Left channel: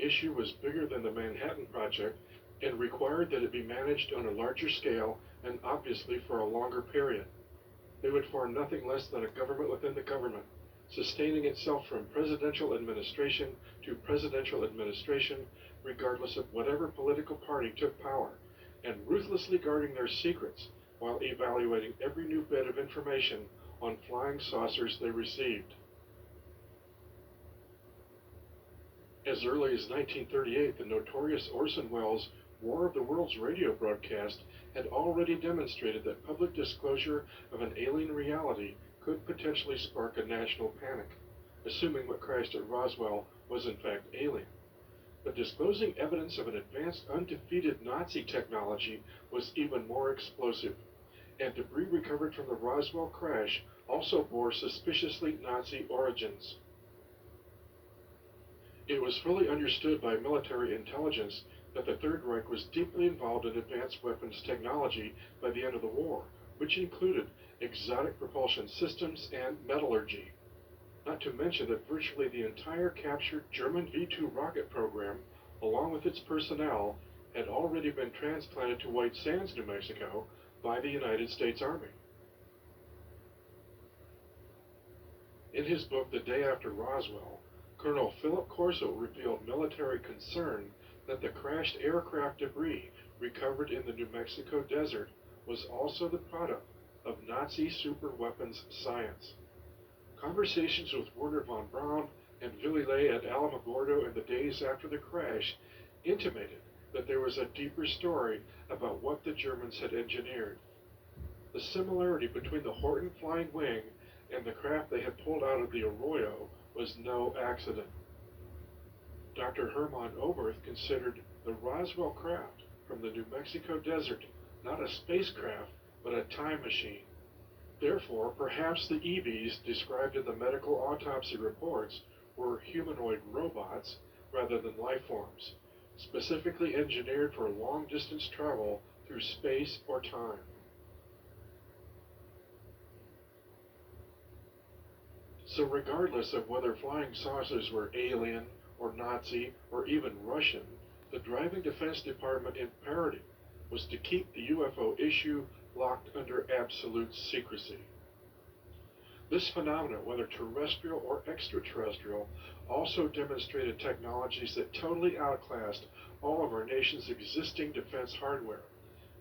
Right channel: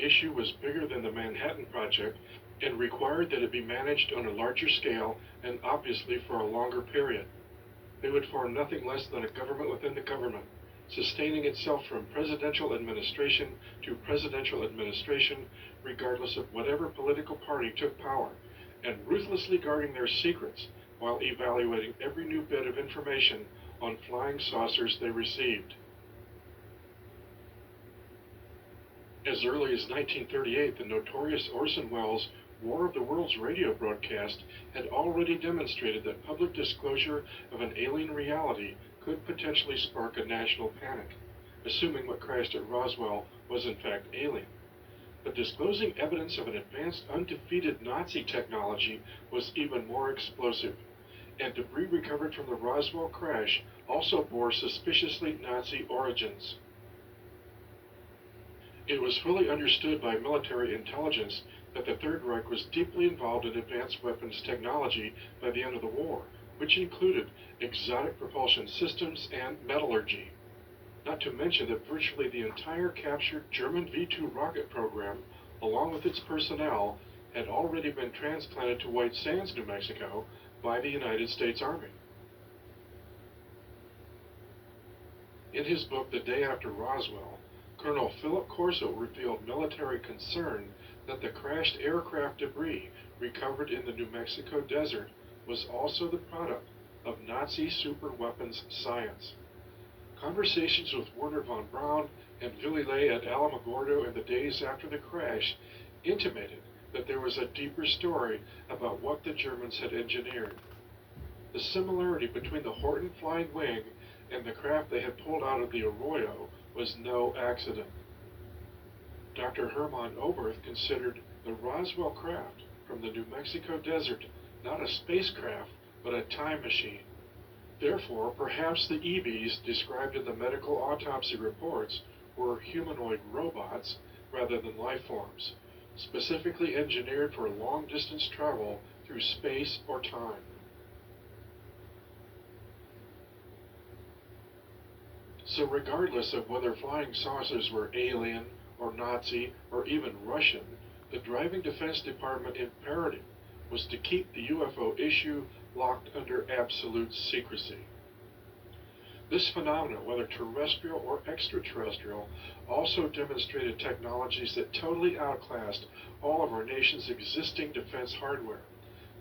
issue was bigger than the Manhattan Project and required that it be managed on a larger scale and obviously for a longer period. They would form nothing less than a government within the government, sustaining itself from presidential administration to presidential administration, regardless of whatever political party took power, and ruthlessly guarding their secrets while evaluating every new bit of information on flying saucers they received. As early as 1938, the notorious Orson Welles' War of the Worlds radio broadcast had already demonstrated that public disclosure of an alien reality could potentially spark a national panic, assuming what crashed at Roswell was in fact alien. But disclosing evidence of an advanced, undefeated Nazi technology was even more explosive, and debris recovered from the Roswell crash also bore suspiciously Nazi origins. It was fully understood by military intelligence that the Third Reich was deeply involved in advanced weapons technology by the end of the war, which included exotic propulsion systems and metallurgy. Not to mention that virtually the entire captured German V-2 rocket program, along with its personnel, had already been transplanted to White Sands, New Mexico, by the United States Army. In his book, The Day After Roswell, Colonel Philip Corso revealed military concern that the crashed aircraft debris recovered in the New Mexico desert was also the product of Nazi superweapons science. Conversations with Werner von Braun and Willy Ley at Alamogordo in the days after the crash intimated that there was a deeper story about what the Germans had engineered. The similarity between the Horton Flying Wing and the craft they had pulled out of the Arroyo was no accident. Dr. Hermann Oberth considered the Roswell craft from the New Mexico desert not a spacecraft, but a time machine. Therefore, perhaps the EVs described in the medical autopsy reports were humanoid robots rather than life forms, specifically engineered for long-distance travel through space or time. So regardless of whether flying saucers were alien, or Nazi, or even Russian, the driving Defense Department imperative was to keep the UFO issue locked under absolute secrecy. This phenomenon, whether terrestrial or extraterrestrial, also demonstrated technologies that totally outclassed all of our nation's existing defense hardware,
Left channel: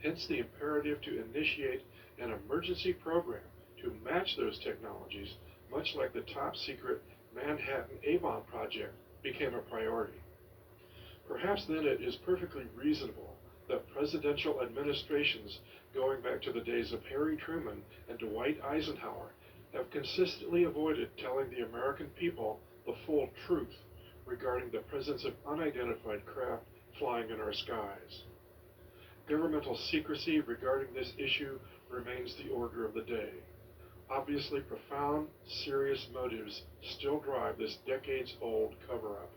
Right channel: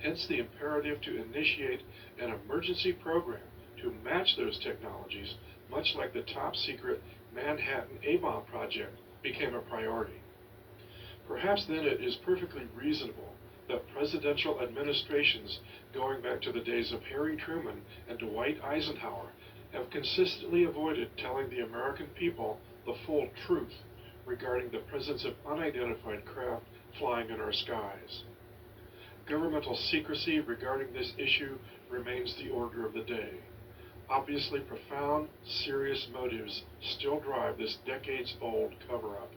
hence the imperative to initiate an emergency program to match those technologies, much like the top-secret Manhattan A-bomb project became a priority. Perhaps then it is perfectly reasonable that presidential administrations going back to the days of Harry Truman and Dwight Eisenhower have consistently avoided telling the American people the full truth regarding the presence of unidentified craft flying in our skies. Governmental secrecy regarding this issue remains the order of the day. Obviously, profound, serious motives still drive this decades-old cover-up.